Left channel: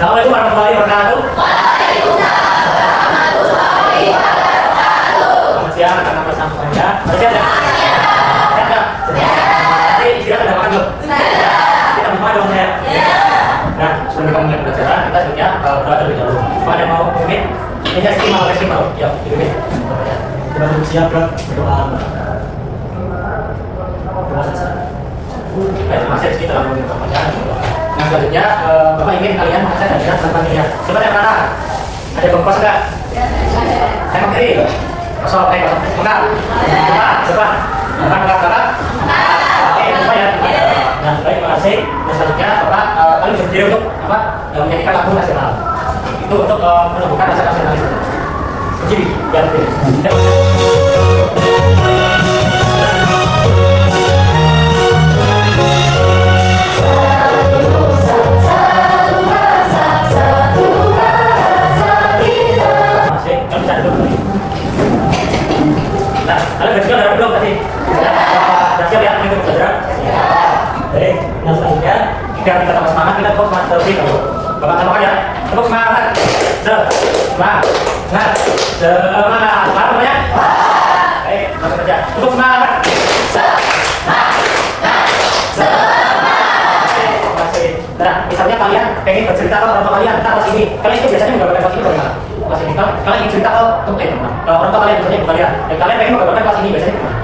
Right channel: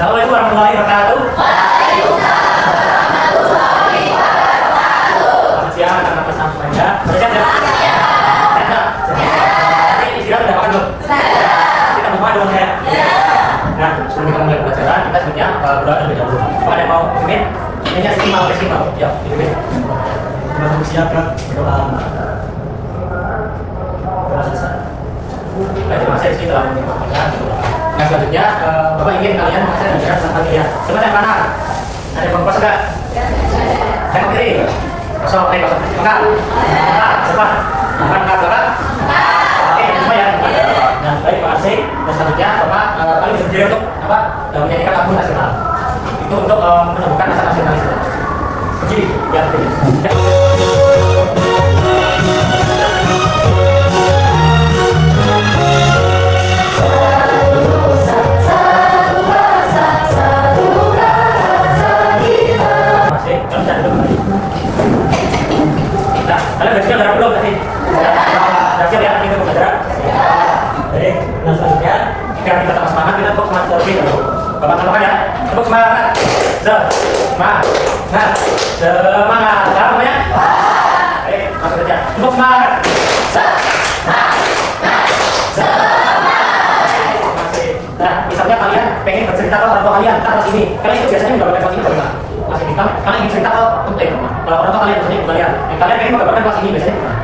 Assalamualaikum warahmatullahi wabarakatuh. Selamat siang, anak bersama semuanya. Siap ya? Nanti istirahat udah makan belum? Kita berdoa dong ya. Nah, sebelum kita mulai pembelajaran, kita sebenarnya berdoa terlebih dahulu. Kalau ada mau mimin, ini istimewa, istimewa. Ya, mimin. Kita bersiap berdoa. Terima kasih kita lakukan pembelajaran. Nah, selanjutnya Bapak ingin kalian mengajar dan tentang dia. Coba yang mana? Ada bengkos enggak? Saya mau kiri. Kosong, kosong. Enggak. Coba. Enggak. Oke, semua ya. Nah, baik, terima kasih. Dan selanjutnya Bapak kali berdiri untuk apa? Menyanyikan lagu nasional. Itu untuk menumbuhkan rasa nasionalisme. Berdiri, ya berdiri. Kalian berjalan darah belum tadi? Sudah siap ya kita pembelajaran? Jadi, yang selanjutnya biar kita tambah semangat, kita tepuk semangat terlebih dahulu. Bapak tambahkan ya, tepuk semangat. Semangat. Semangat. Sekarang namanya? Baik, langsung saja. Tepuk semangat. Nah, misalnya kalian pengen bercerita ke orang tua kalian tentang kelas ini, kalian itu biasanya menggambarkan kelas ini atau enggak? Kelas ini, kalau kalian ingin cerita ke orang tua kalian misalnya ke kalian, kalian pengen menggambarkan kelas ini biasanya kemana?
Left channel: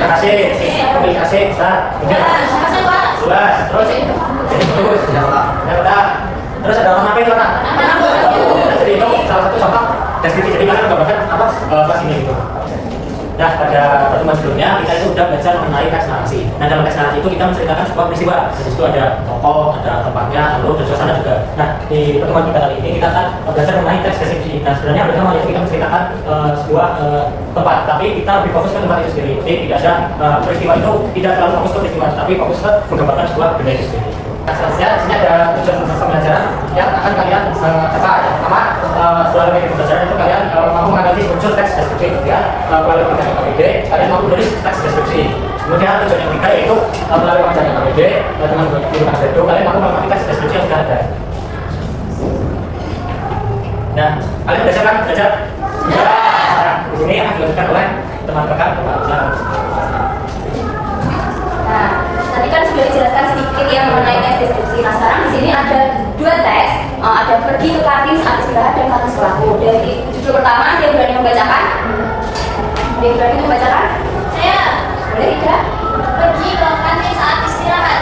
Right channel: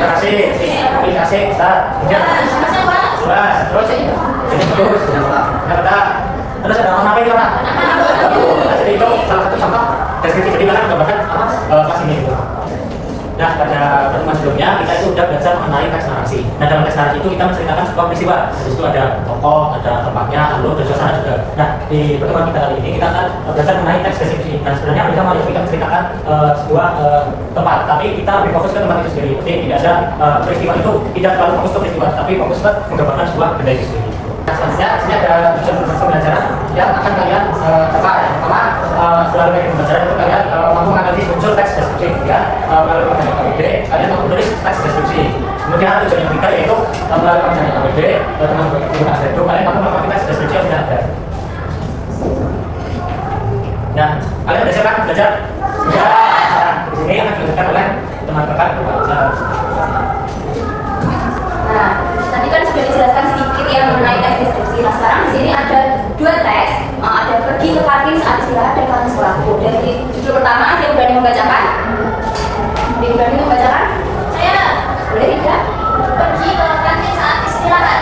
Terima kasih, terima kasih, terus ada nama apa itu kan? Jadi itu salah satu contoh deskripsi, jadi kalian menggambarkan apa kelas ini gitu. Nah, pada pertemuan sebelumnya kita itu sudah belajar mengenai teks narasi. Nah, dalam teks narasi itu kita menceritakan sebuah peristiwa. Di situ ada tokoh, ada tempatnya, lalu ada suasana juga. Nah, di pertemuan kita kali ini kita akan belajar mengenai teks deskripsi. Nah, sebenarnya bersama kita menceritakan sebuah tempat, tapi kita lebih fokus ke tempat itu sendiri. Jadi tidak ada peristiwa itu tidak terlalu fokus ke peristiwa, tapi fokus ke menggambarkan sebuah benda itu sendiri. Selanjutnya, di sini ada tujuan pembelajaran yang akan kalian coba. Pertama, setelah dari pembelajaran itu kalian mampu menganalisis unsur teks deskripsi. Kemudian melalui pengajaran KBD, kalian mampu menulis teks deskripsi. Kemudian tujuan yang ketiga yaitu melalui pengajaran KBD dengan menggunakan Zendo, kalian mampu melengkapi teks deskripsi yang sudah ada. Nah, kalian belajar kan? Belajar? Ya. Nah, di sini akan dilakukan oleh teman-teman. Nah, tadi kan sudah dijelaskan sedikit yang mengenai teks deskripsi. Nah, sekarang di sini ada dua teks, ada pergi ke kantin saat istirahat dan kantin sekolahku. Dari judul pertama, ada yang berani membacakan? Ada yang berani membacakan? Saya. Boleh tidak? Pergi ke kantin saat istirahat.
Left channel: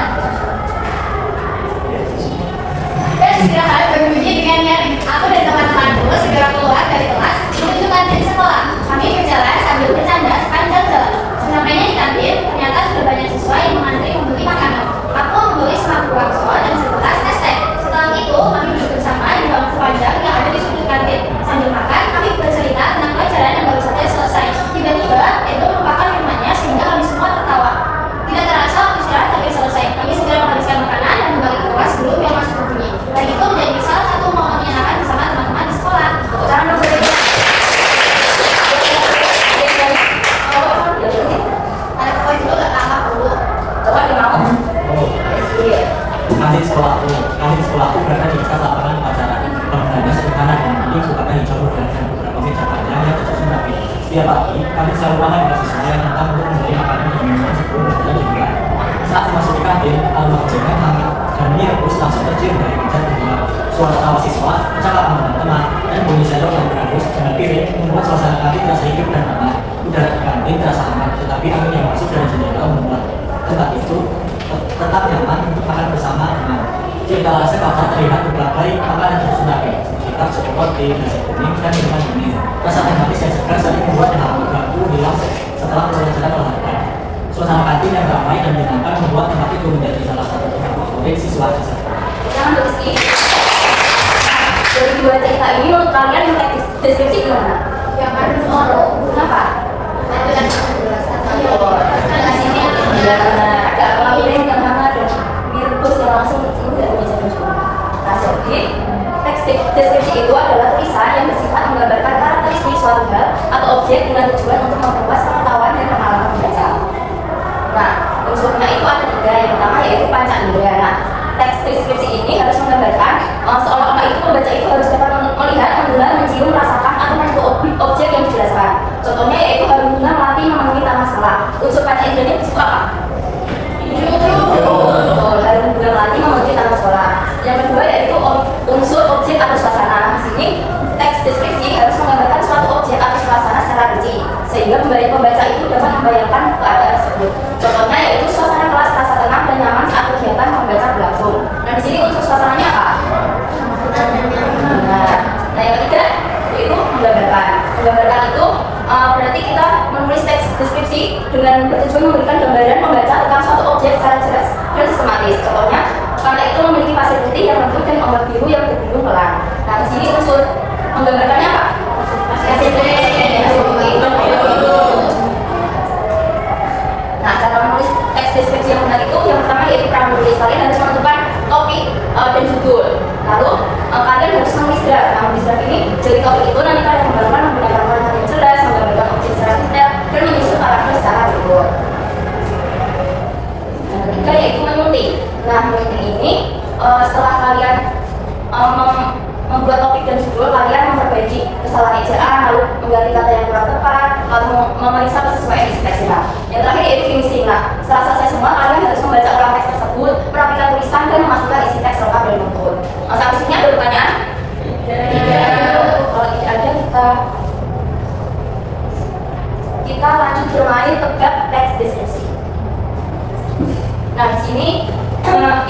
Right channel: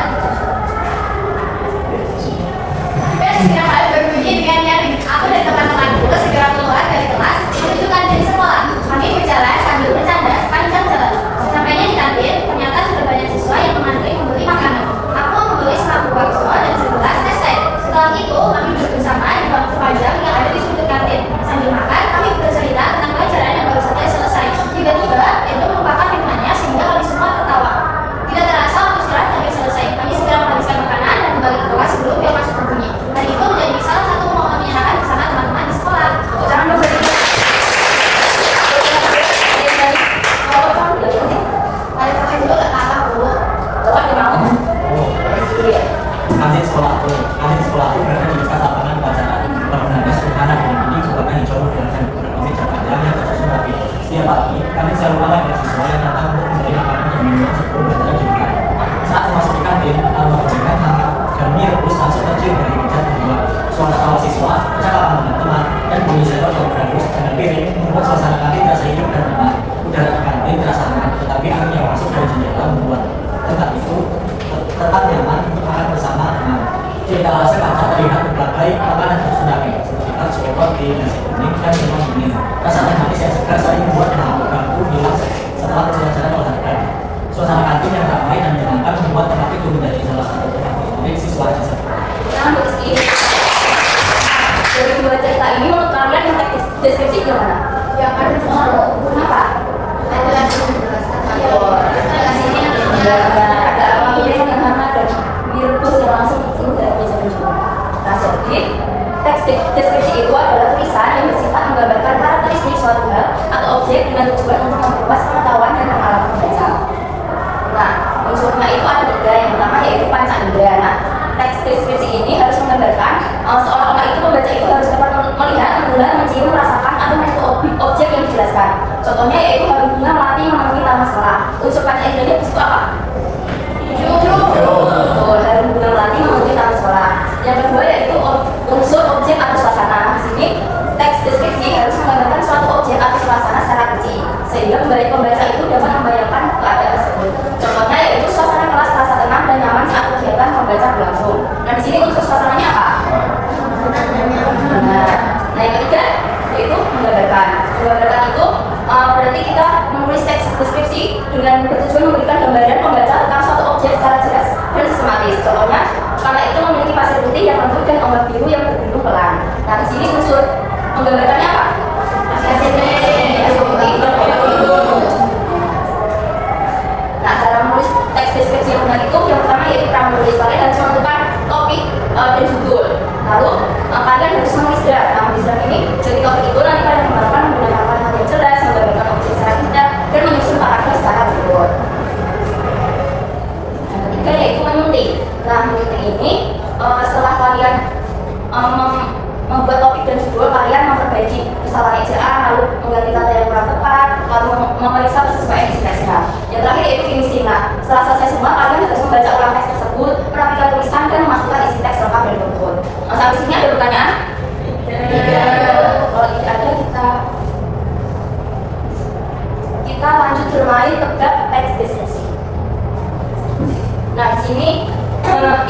Dan istirahat berbunyi dengan nyaring. Aku dan teman-temanku segera keluar dari kelas menuju kantin sekolah. Kami berjalan sambil bercanda sepanjang jalan. Sesampainya di kantin, ternyata sudah banyak siswa yang mengantri membeli makanan. Aku membeli semangkuk bakso dan segelas es teh. Setelah itu, kami duduk bersama di bangku panjang yang ada di sudut kantin. Sambil makan, kami bercerita tentang pelajaran yang baru saja selesai. Tiba-tiba, Edo melupakan minumannya sehingga kami semua tertawa. Tidak terasa waktu istirahat hampir selesai. Kami segera menghabiskan makanan dan kembali ke kelas sebelum yang masuk berbunyi. Dan itu menjadi salah satu momen menyenangkan bersama teman-teman di sekolah. Jangan bercerita. Kantin sekolahku berada di dekat lapangan upacara. Bangunannya sederhana dan ini juga hijau dan beberapa meja panjang yang tersusun rapi. Setiap pagi, kantin selalu ramai dengan siswa yang datang untuk membeli makanan dan minuman sebelum belajar dimulai. Saat memasuki kantin, almarhum hangat dan mie rebus langsung tercium dari meja kedua. Suara tawa siswa, percakapan teman-teman, dan bunyi sendok yang berangus dengan piring membuat suasana kantin terasa hidup dan ramai. Udara di kantin terasa hangat, tetapi angin yang masuk dari jendela membuat tempat itu tetap nyaman untuk makan bersama teman. Di etalase kaca terlihat berbagai makanan tersusun rapi, seperti roti, nasi kuning, dan minuman dingin. Rasa teh manis yang segar saling membuat ganggu hilang setelah pembelajaran olahraga. Suasana kantin yang ramai dan menyenangkan membuat tempat itu menjadi salah satu tempat favorit siswa tersebut. Jangan berisi. Dari dua cerita ini menurut kalian yang teks deskripsi gimana? Yang ada di Solo. Kenapa? Ada yang menjelaskan. Ada apa yang hangat dan virus yang langsung tersebut dari meja-meja. Nah, jadi teks deskripsi itu adalah tulisan yang bersifat menggambarkan karakteristik suatu hal atau objek dengan tujuan untuk memperluas pengetahuan dan pengalaman membaca. Nah, unsurnya itu ada tiga. Yang pertama yaitu panca indera. Nah, teks Contohnya yaitu baru bunga melati memenuhi taman sekolah. Unsur kaca indranya disebut apa? Baru bunga melati memenuhi taman sekolah. Yang kedua yaitu unsur objek atau suasana. Di sini teks deskripsi harus menggambarkan suatu objek atau suasana secara rinci, sehingga pembaca itu dapat membayangkan keadaan tersebut. Contohnya yaitu suasana kelas terasa tenang dan nyaman saat kegiatan membaca berlangsung. Nah, di sini unsur suasananya apa? Nah, yang ketiga yaitu menggambarkan. Menggambarkan itu berarti kita menulis teks deskripsi dengan bertujuan memberikan gambaran pembaca tentang suatu objek secara jelas dan sistematis. Contohnya, pantai itu memiliki pasir putih yang lembut dan ombak biru yang berbendung pelan. Nah, di sini unsur menggambarkannya apa? Pasir putih. Nah, cara menulis teks deskripsi yang benar itu yang pertama yaitu cara menulis. Kalian harus menentukan topik dan judul. Lalu kalian harus menulis draft. Nah, menulis draft ini dari topik itu nanti kalian menggunakan kalimat yang jelas, menggambarkan objek secara detail dan menyusun paragraf secara berukur. Yang ketiga yaitu menulis. Nah, menulis ini setelah kalian membuat topik dan judul, kalian memperbaiki kesalahan ejaan, lalu mengganti kata yang kurang tepat, lalu memeriksa kesesuaian istilah. Yang terakhir yaitu finishing. Nah, setelah selesai semua, kalian harus membaca ulang teks tersebut, merapikan tulisan dan memastikan isi teks lengkap dan beruntun. Sampai sini ada pertanyaan? Kalau tidak ada, kita lanjut bermain tebak teks deskripsi. Nah, di sini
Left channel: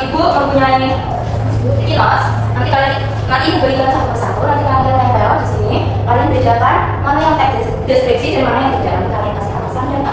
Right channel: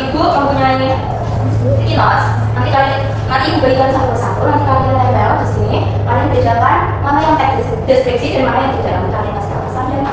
ibu mempunyai kinos. Nanti ibu berikan satu persatu. Nanti kalian lempel di sini. Kalian bedakan mana yang teks deskripsi dan mana yang tidak. Nanti kalian kasih alasan dan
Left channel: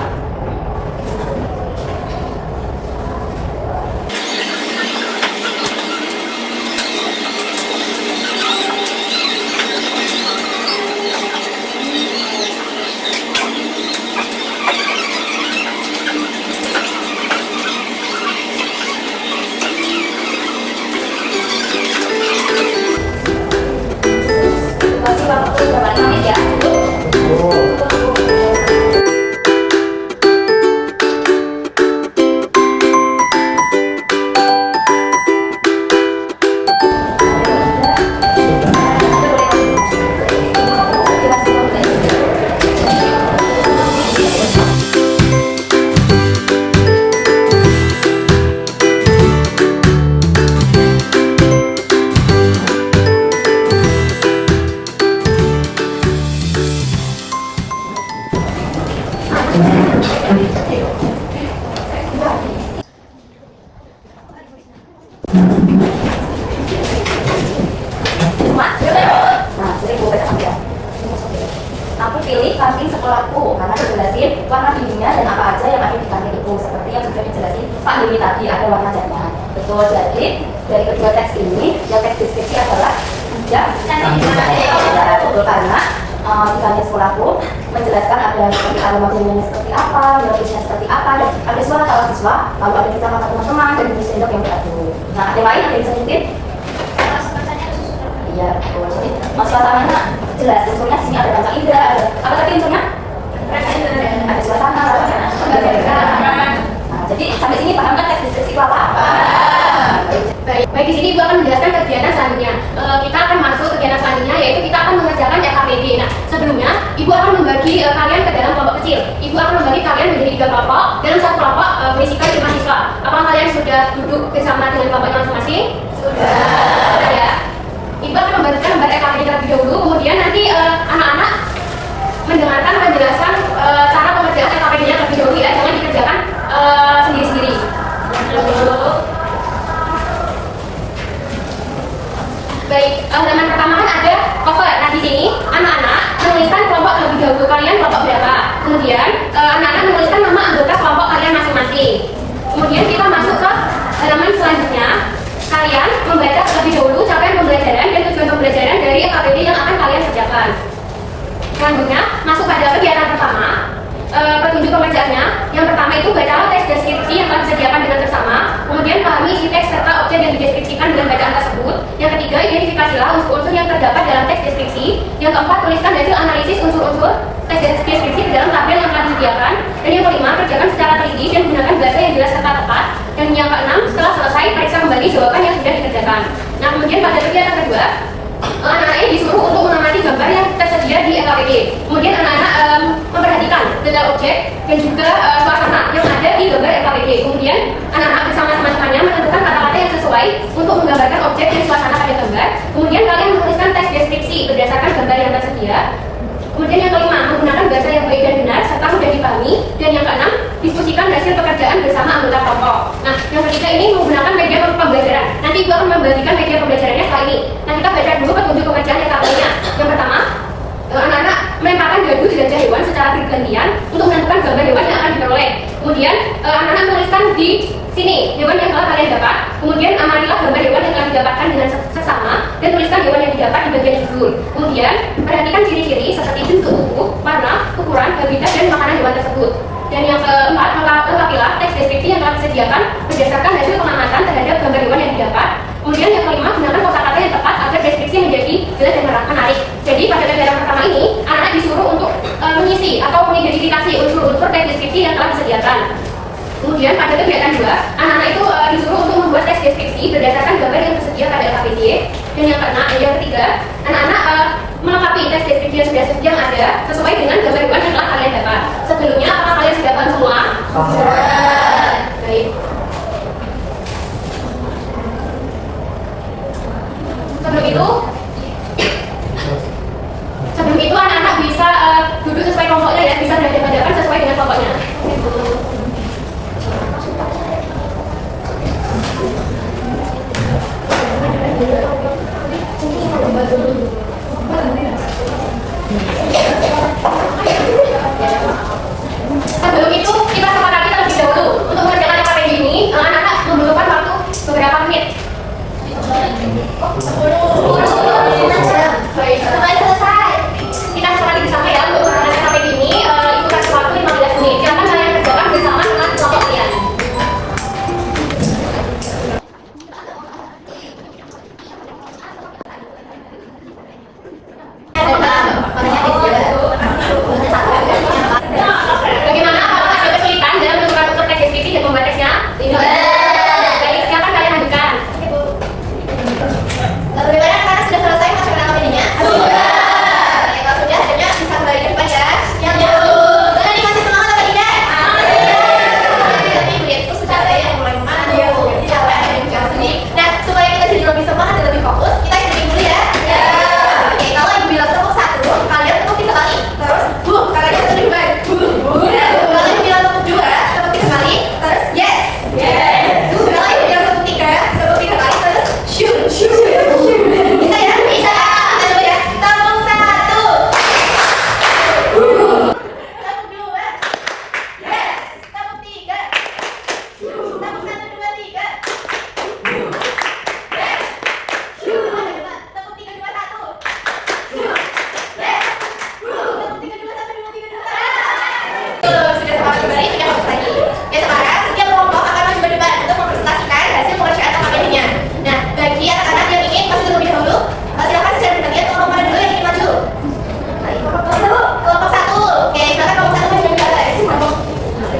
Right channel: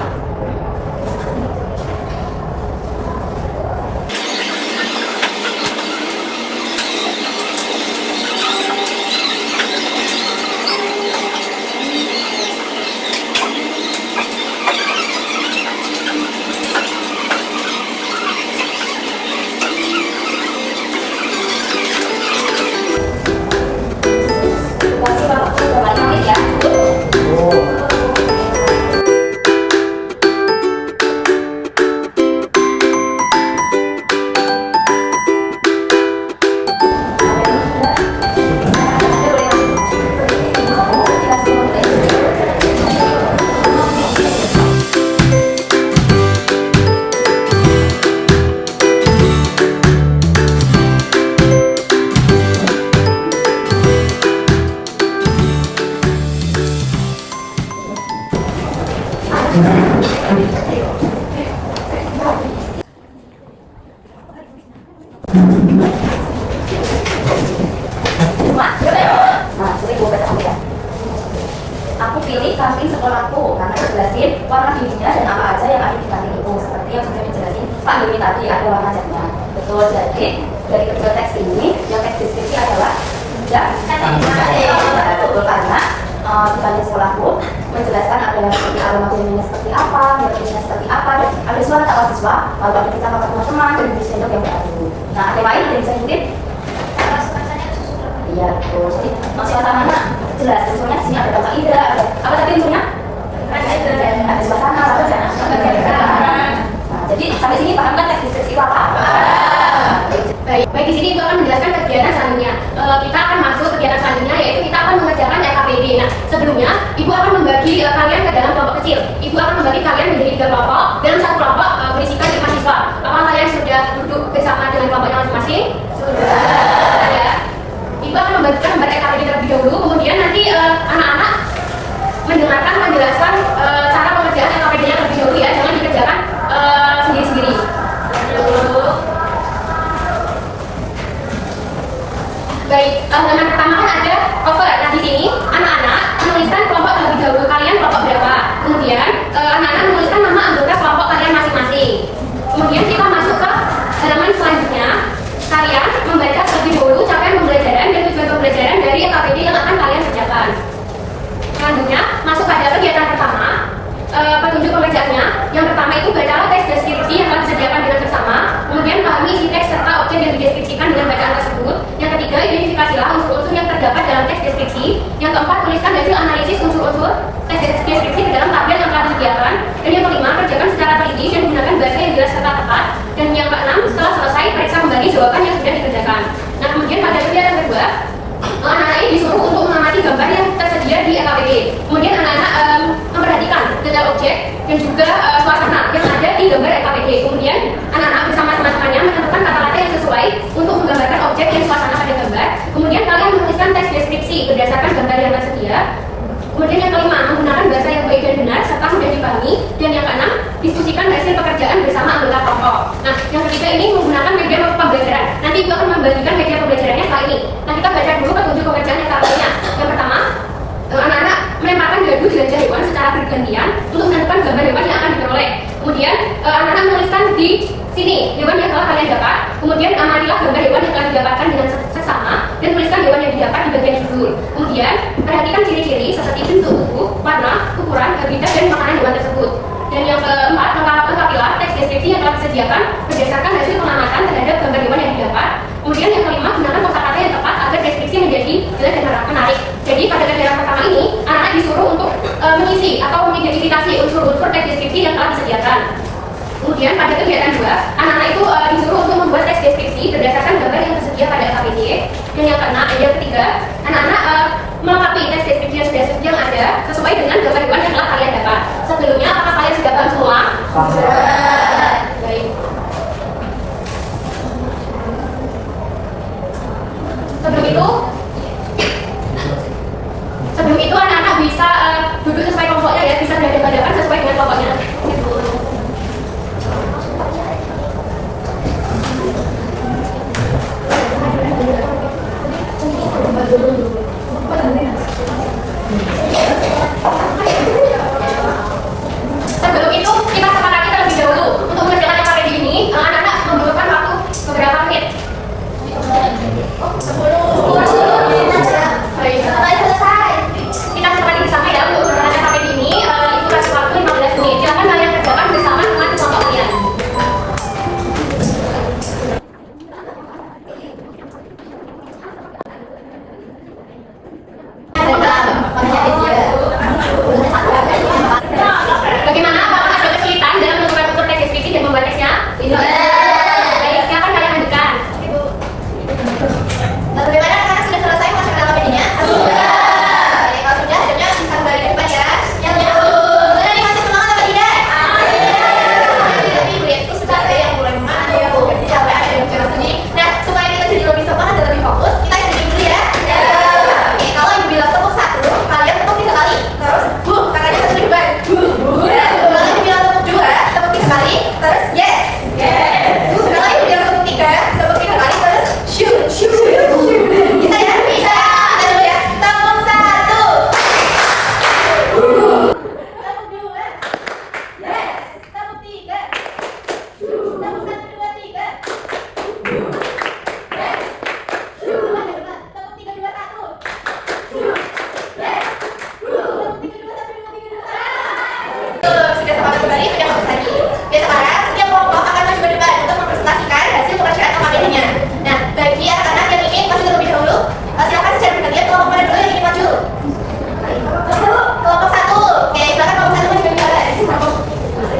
aku pilih kantin sekolahku karena dijelasin warna dindingnya dan apa aja yang ada di kantin itu, seperti yang sudah dijelasin Pak Doni tadi, ada warna jatnya. Betul, jadi dari kedua teks ini yang teks deskripsi adalah tidak betul karena di kantin sekolahku menjelaskan ada seperti aroma minumnya seperti apa, nutrisinya seperti apa, dan ada suara tawa siswa, lalu ada kata-kata teman-teman dan jenis sendok yang beradu. Nah, ada lain yang bisa diintip? Iya, betul. Jadi suasananya jelas. Unsurnya di sini ada bahasa Indra, ada apa tadi unsurnya? Ada suasana, apa aja? Jadi sampai sini paham kan teks deskripsi itu apa? Baik, di sini Ibu akan menjelaskan kegiatan selanjutnya. Kita akan masuk kegiatan selanjutnya, yaitu kita akan mengerjakan RKPD. Nah, sebelumnya Ibu akan membagi kalian ke dalam kelompok kecil. Ibu akan membagi kalian menjadi 3 kelompok. Dalam satu kelompok berisikan 5 siswa. Apakah kalian sudah duduk bersama dengan kelompoknya masing-masing? Sudah. Ya. Ibu akan membagikan gambar RKPD terlebih dahulu, kemudian nanti anak-anak mendengarkan penjelasan cara pengerjaan RKPD-nya terlebih dahulu ya, jangan dikerjakan sendiri-sendiri. Baik, halaman pertama kan ada cover. Nah, di sini anak-anak menuliskan kelompok terlebih dahulu, kalian kelompok berapa. Kemudian anak-anak menuliskan nama anggota kelompok kalian masing-masing. Kemudian kita masuk ke halaman selanjutnya. Kalian membaca terlebih dahulu capaian pembelajaran dan tujuan pembelajaran dari RKPD yang akan kalian kerjakan. Selanjutnya masuk pada kegiatan pertama, petunjuk pembacanya. Yang pertama itu bacalah teks deskripsi yang telah disediakan dengan bersama. Kemudian pahami isi teks serta objek yang dideskripsikan dengan bacaan tersebut. Yang ketiga, identifikasilah unsur-unsur yang terdapat dalam teks deskripsi. Yang keempat, tuliskan hasil analisis unsur-unsur teks deskripsi di dalam tabel yang telah disediakan. Dan yang kelima, kerjakan secara teliti dan gunakan bahasa yang jelas serta tepat. Dan yang keenam, setelah selesai, periksa kembali jawaban yang sudah dikerjakan. Nah, kemudian pada kegiatan kedua, anak-anak ini disuruh untuk mengamati gambar yang tersedia ada di LKPD. Kemudian anak-anak memperhatikan detail objek dan juga suasana yang ada di gambar LKPD. Kemudian anak-anak bersama teman-temannya menentukan kata-kata yang sesuai untuk menggambarkan objek dan suasana pada gambar. Kemudian kalian menuliskan teks deskripsi berdasarkan gambar yang tersedia. Kemudian yang kelima, menggunakan bahasa yang baik dan benar serta mudah dipahami. Dan yang keenam, diskusikan hasil pekerjaan bersama anggota kelompok. Nah, yang ketiga ini menggunakan media pembelajaran. Nanti Ibu akan membagikan media pembelajarannya setelah ini. Nah, kita baca dulu petunjuk pengerjaan yang lainnya. Yang pertama, anak-anak melemparkan dadu di gajah hewan secara bergantian untuk menentukan gambar hewan yang akan diperoleh. Kemudian anak-anak menuliskan di sini hewan yang telah kalian dapat. Kemudian amatilah gambar hewan yang telah didapatkan dengan seksama dan tuliskan hewan yang didapat di bagian judul. Kemudian perhatikan ciri-ciri seperti bentuk tubuh, warna, ukuran, habitat dan makanan hewan tersebut. Dan yang keempat, lengkapilah teks deskripsi yang telah disediakan berdasarkan hasil pengamatan terhadap gambar hewan yang didapat. Kemudian yang kelima, gunakan kosakata yang tepat agar deskripsi menjadi jelas dan menarik. Jadi pada kegiatan pertama ini, anak-anak disuruh untuk mengisi atau mengidentifikasi unsur-unsur teks deskripsi yang telah disediakan. Kemudian pada kegiatan 2, anak-anak itu disuruh untuk membuat teks deskripsi berdasarkan gambar yang tersedia pada LKPD. Dan yang ketiga, anak-anak melengkapi teks deskripsi yang ada sesuai dengan gambar hewan yang telah kalian dapat. Sebelumnya, apakah kalian sudah paham semua? Baik. Sebelum itu anak-anak bisa duduk sesuai kelompoknya ya, bisa berhadapan sesuai dengan kelompoknya. Sebelum itu kita sepakati terlebih dahulu untuk mengerjakan LKPD ini, anak-anak membutuhkan waktu beberapa menit. 10. Baik, selesai. Kita sepakati bersama ya untuk mengerjakan LKPD ini, itu kasih waktu 15 menit. Silakan kalian kerjakan bersama dengan kelompok kalian. Bagaimana? Apakah ada kesulitan dalam menentukan unsur teks deskripsi dan membuat teksnya? Baik, silakan kalian ajukan. Bagaimana sekarang sudah selesai mengerjakan LKPD-nya? Oke, kalau sudah, adanya bisa kembali ke depan ya. Yang sudah nih, masih semangat apa tidak? Tapi melihatku sudah ada yang mulai mengacu, capek, ada yang jauh sini. Nah, supaya kita jadi lebih semangat dan lebih fokus, kita istirahat dulu ya. Oke, kalau ibu bilang tepuk 1, kalian tepuk 3 kali. Terus, kalian satu juga. Kalau ibu bilang tepuk 2, tepuk 3 kali. Terus, yes. Kalau ibu bilang tepuk 3, tepuk 3 kali. Terus, shoot. Bisa ya? Bisa ya? Kita coba ya. Tepuk 1. Tepuk 2. Yes. Tepuk 3. Tepuk 1, 2, 3. Yes. Tepuk 3, 2, 1. Yes. Tepuk 3, 2, 1, 2, 3, 2. Sudah semangat kembali, sudah fokus lagi. Ya, sekarang setiap kelompok akan maju ke depan untuk mempresentasikan hasil pengerjaan LKPD-nya. Nah, bagi anak-anak yang ingin maju terlebih dahulu, silakan secara bergantian kelompok mana dulu yang ingin maju. Kelompok 1. Oke, silakan kelompok 1 maju ke depan.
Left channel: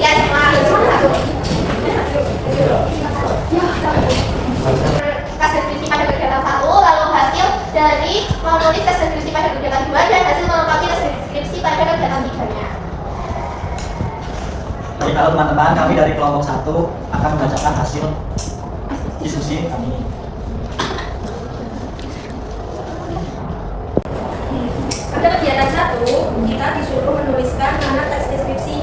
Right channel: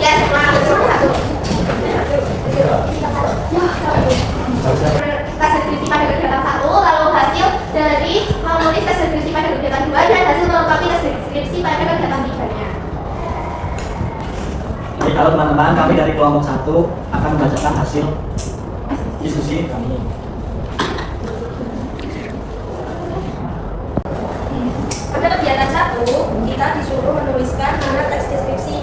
Ya, semangat kelompok 1. Tes deskripsi pada kegiatan 1, lalu hasil dari menulis tes deskripsi pada kegiatan 2 dan hasil melengkapi tes deskripsi pada kegiatan 3-nya. Jadi kalau teman-teman, kami dari kelompok 1 akan membacakan hasil diskusi kami. Pada kegiatan 1, kita disuruh menuliskan mana teks deskripsi.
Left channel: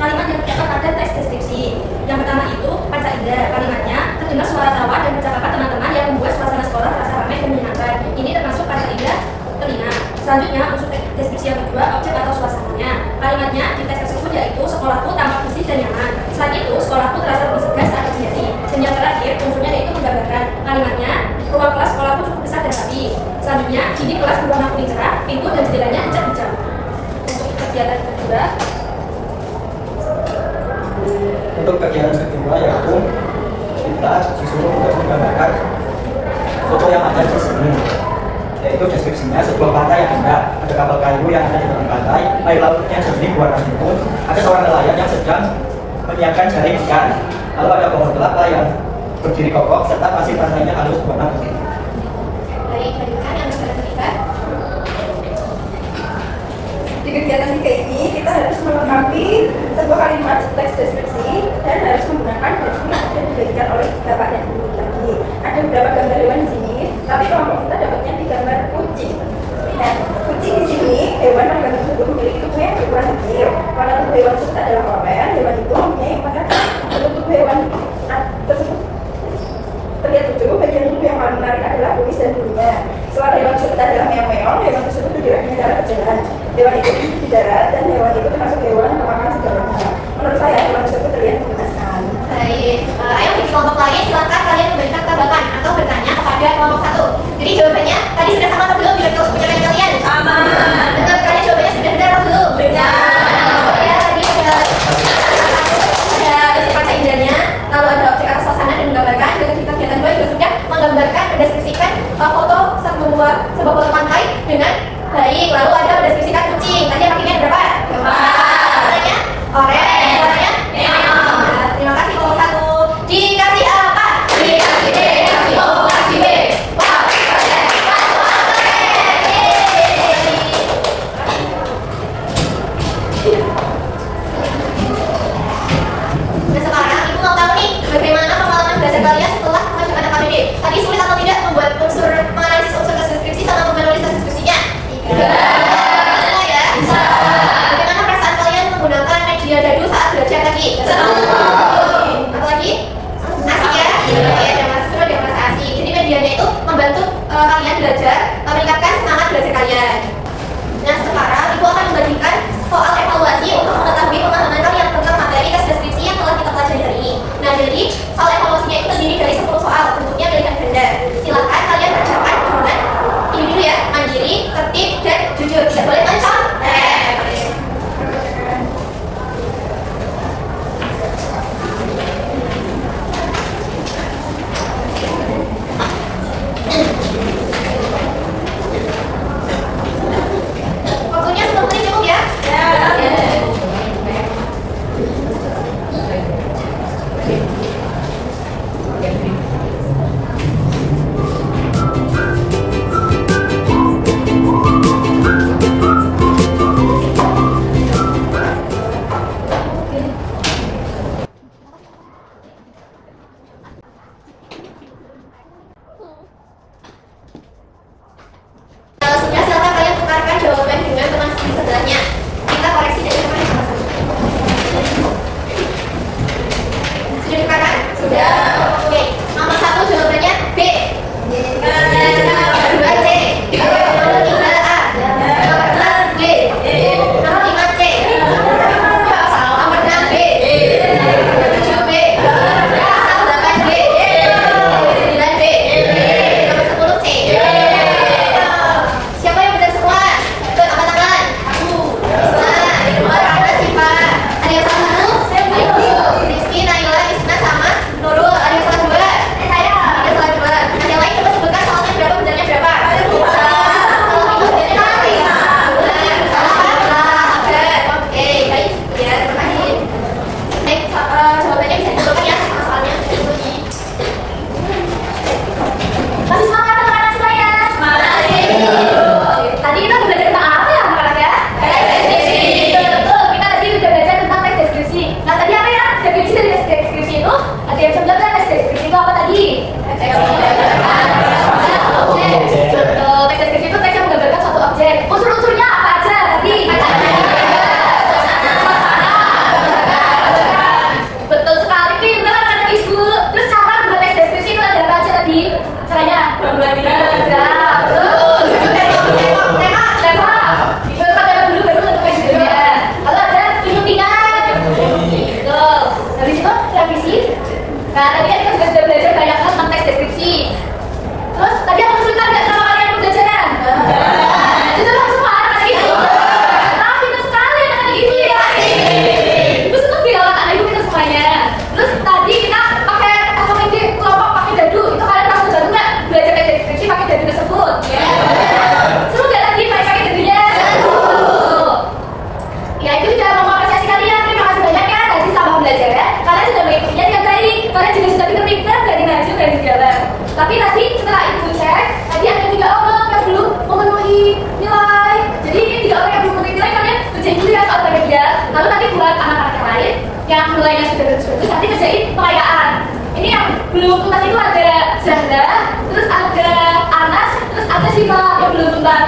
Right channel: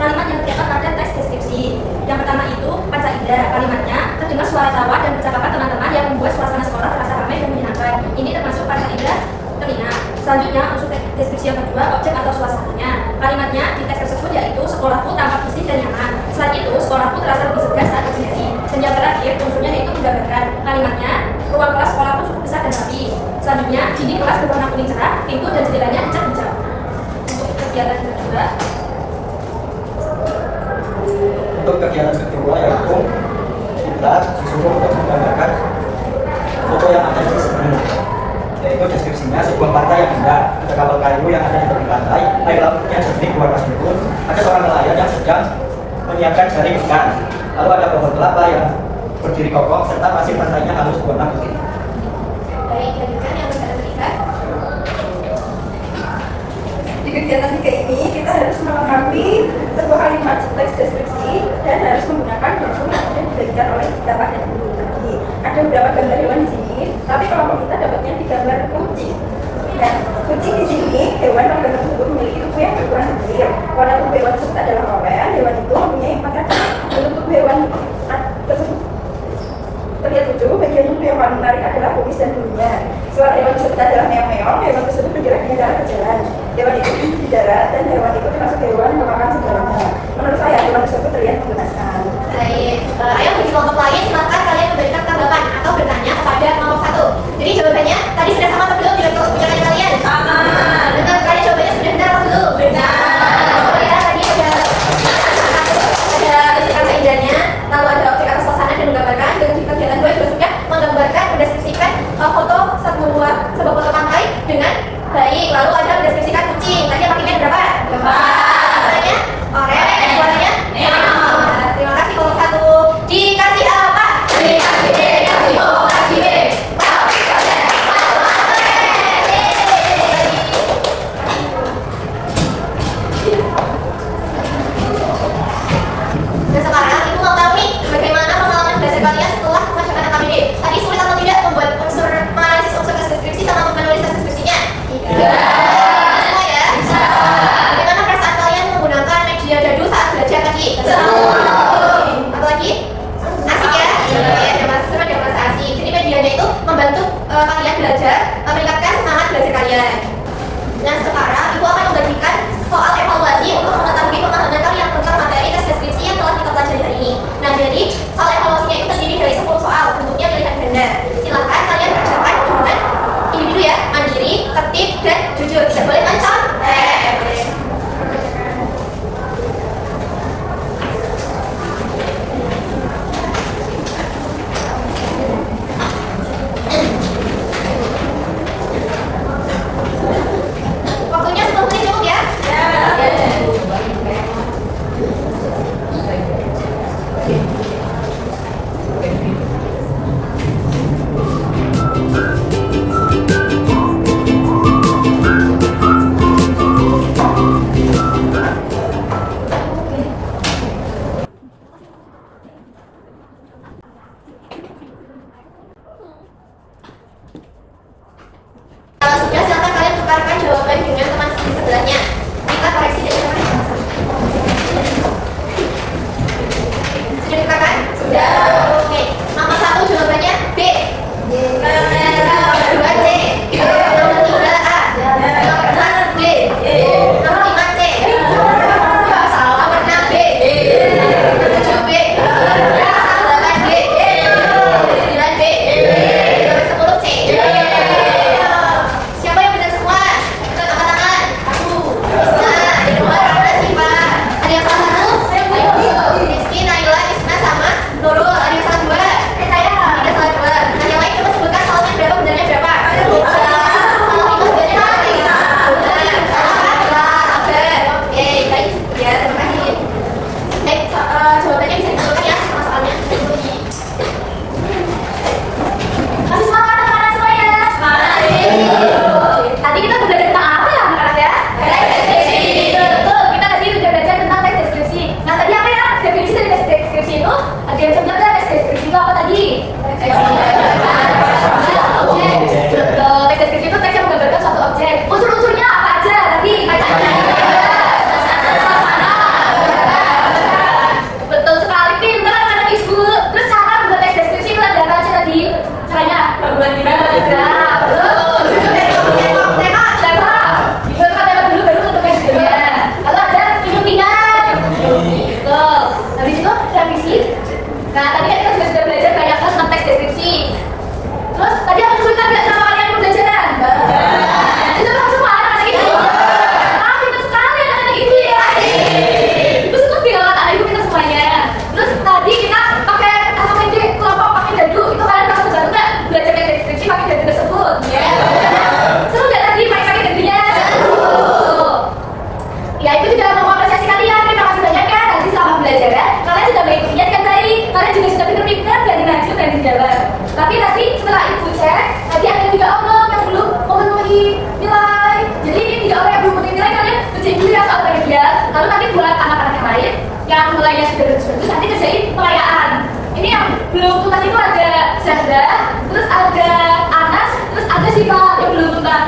Kalimat yang terdapat pada teks deskripsi. Yang pertama itu panca indera. Kalimatnya terdengar suara tawa dan percakapan teman-teman yang membuat suasana sekolah terasa ramai dan menyenangkan. Ini termasuk panca indera telinga. Selanjutnya unsur deskripsi yang kedua, objek atau suasananya. Kalimatnya di teks tersebut yaitu sekolahku tampak bersih dan nyaman. Selain itu, sekolahku terasa lebih segar saat berjari. Dan yang terakhir, unsurnya yaitu menggambarkan. Kalimatnya, ruang kelas sekolahku cukup besar dan rapi. Selanjutnya, dinding kelas berwarna kuning cerah, pintu dan jendelanya dicat hijau. Untuk kegiatan kedua, yaitu kita disuruh untuk menggambarkan foto yang ada di sini. Yaitu deskripsinya sebuah pantai yang indah, ada kapal kayu yang ada di tepi pantai, air lautnya jernih berwarna biru, ada seorang nelayan yang sedang menyiapkan jaring ikan, lalu ada pohon kelapa yang berdiri kokoh serta pasir pantainya halus berwarna putih. Baik, lanjutkan yang ketiga. Di kegiatan 3 ini kita harus melengkapi sebuah kalimat teks deskripsi dan harus menggunakan baju yang sudah dibagikan oleh bapak dan ibu tadi. Ada beberapa gambar hewan di sini, tapi kelompok kita dapatnya di gambar kucing. Lihat, kucing di sini hewan pada gambar tersebut memiliki tubuh yang berukuran kecil. Warna tubuh hewan tersebut adalah oranye. Hewan itu mempunyai 4 kaki. Bentuk tubuh hewan tersebut terlihat lucu. Bagian tubuh yang paling menarik adalah kumis dan bulunya. Suara hewan tersebut adalah meong-meong. Hewan tersebut bergerak di dalam berjalan. Hewan itu hidup di darat dan hewan itu termasuk hewan yang memakan segalanya. Menurut saya hewan tersebut terlihat mengenaskan. Baik, ayo di kelompok lain silakan kalian memberikan tanggapan atau bertanya pada kelompok 1. Jadi jawabannya tadi sudah sama atau belum di ucapan kalian? Sama. Betul sekali, jawabannya sudah benar atau belum? Benar. Oh ya, tadi ada istilah keindahnya, lalu ada objek atau suasana dan menggambarkan. Dan di kegiatan 2 juga sudah menggambarkan, mendeskripsikan foto sebuah foto pantai dengan baik. Lalu ada mendeskripsikan kucing. Tadi yang pakainya berapa? 4. Warnanya oranye. Warnanya merah. Terima kasih kelompok 1. Dikasih apa? Dikasih B. Dikasih O. Dikasih B.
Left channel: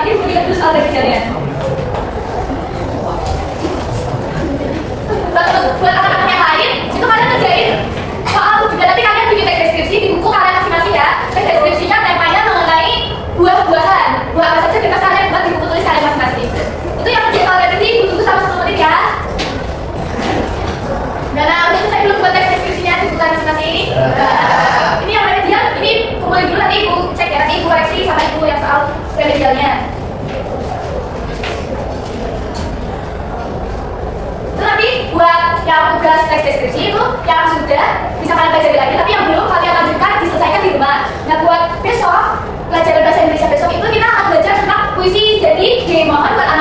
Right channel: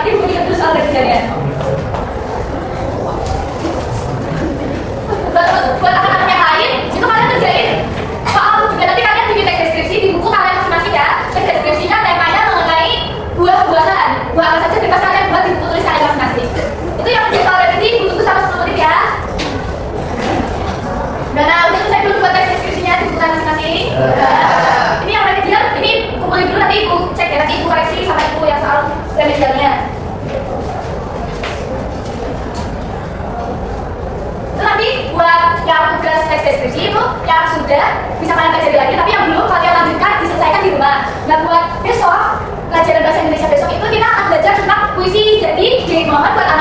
ini buku 30 soal kejadian. Buat anak-anak yang lain, itu kalian kerjain soal juga nanti kalian bikin teks deskripsi di buku kalian masing-masing ya. Teks deskripsinya temanya mengenai buah-buahan. Buah apa saja bebas kalian buat di buku tulis kalian masing-masing. Itu yang kerja kalian ini butuh sama 10 menit ya. Udah selesai belum buat teks deskripsinya di buku kalian masing-masing? Ini yang remedial, ini kumpulin dulu nanti ibu cek ya, nanti ibu koreksi sama ibu yang soal remedialnya. Itu nanti buat yang tugas teks deskripsi itu yang sudah bisa kalian pelajari lagi, tapi yang belum kalian lanjutkan diselesaikan di rumah. Nah buat besok pelajaran bahasa Indonesia besok itu kita akan belajar tentang puisi. Jadi mohon buat anak